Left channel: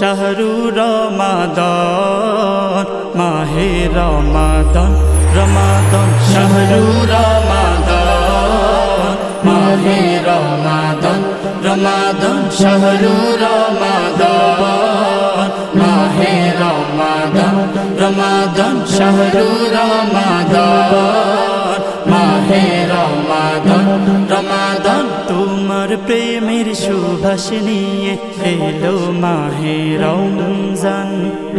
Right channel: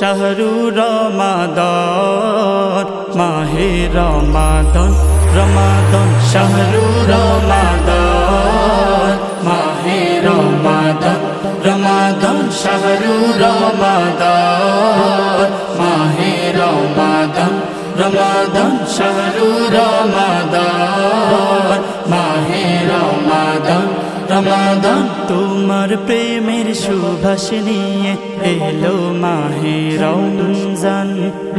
শাহরু রমাদান মাহে রমাদান রমাদান শাহরু রমাদান মাহে রমাদান রমাদান শাহরু রমাদান মাহে রমাদান রমাদান শাহরু রমাদান মাহে রমাদান রমাদান তোমার প্রেমের সুবাস নিয়ে এলো মাহে রমজান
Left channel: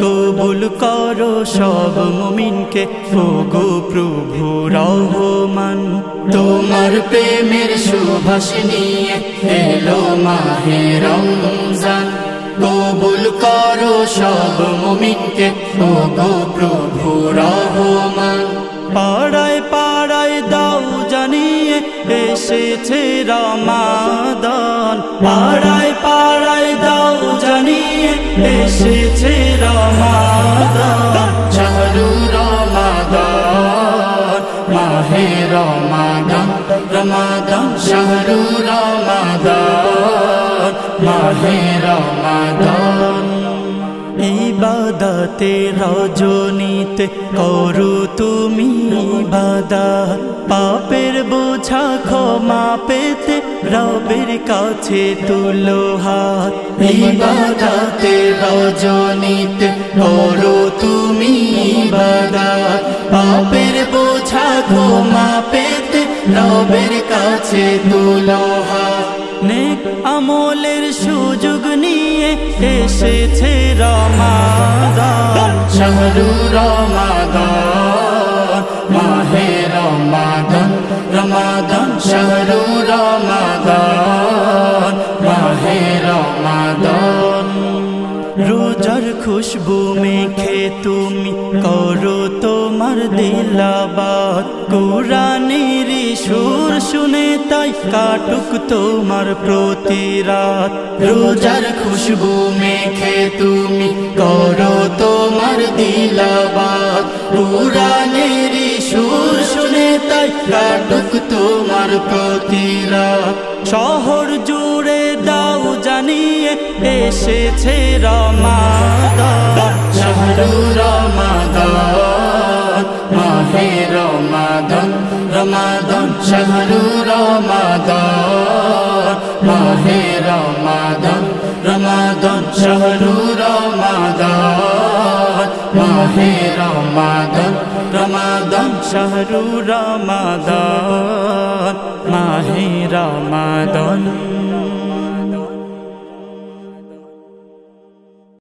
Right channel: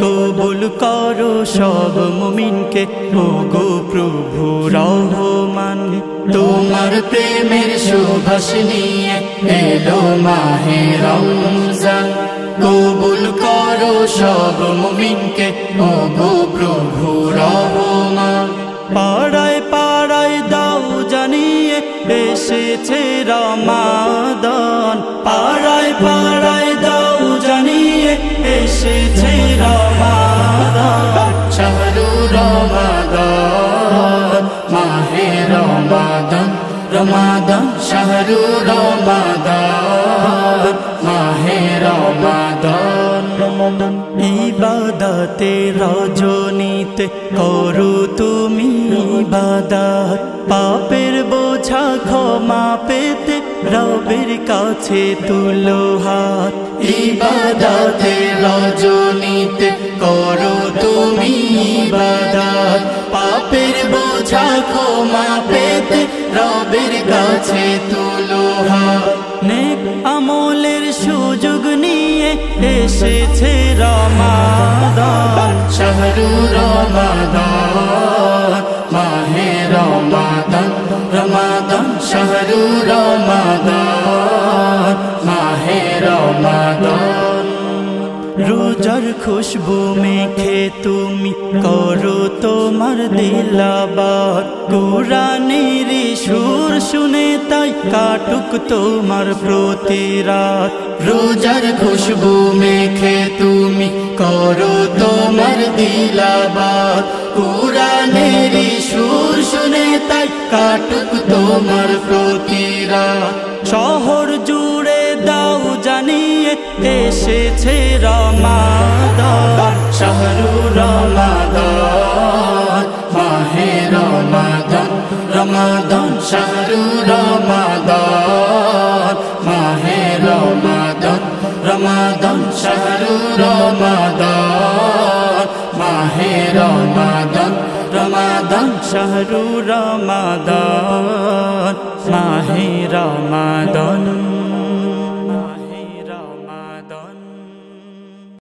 কবুল করো সব মুমিনকে ওগো প্রভু রহমান তোমার প্রেমের সুবাস নিয়ে এলো মাহে রমজান কবুল করো সব মুমিনকে ওগো প্রভু রহমান পাড়ায় পাড়ায় দাও জানিয়ে এসেছে রমাদান পাড়ায় পাড়ায় দাও জানিয়ে এসেছে রমাদান শাহরু রমাদান মাহে রমাদান রমাদান শাহরু রমাদান মাহে রমাদান ইবাদতে রজনীতে করো তুমি ইবাদত পাপের বোঝা ক্ষমা পেতে রবের কাছে তুলো হাত ইবাদতে রজনীতে করো তুমি ইবাদত পাপের বোঝা ক্ষমা পেতে রবের কাছে তুলো হাত নেক আমলের সুযোগ নিয়ে এসেছে রমাদান শাহরু রমাদান মাহে রমাদান রমাদান শাহরু রমাদান মাহে রমাদান রোজার খুশবু মেখে তুমি করো তোমার দিলাবাত কুরআনের সুর শুনে তাই কাটুক তোমার প্রতি রাত রোজার খুশবু মেখে তুমি করো তোমার দিলাবাত কুরআনের সুর শুনে তাই কাটুক তোমার প্রতি রাত শহর জুড়ে দাও জানিয়ে এসেছে রমাদান শাহরু রমাদান মাহে রমাদান রমাদান শাহরু রমাদান মাহে রমাদান রমাদান শাহরু রমাদান মাহে রমাদান রমাদান শাহরু রমাদান মাহে রমাদান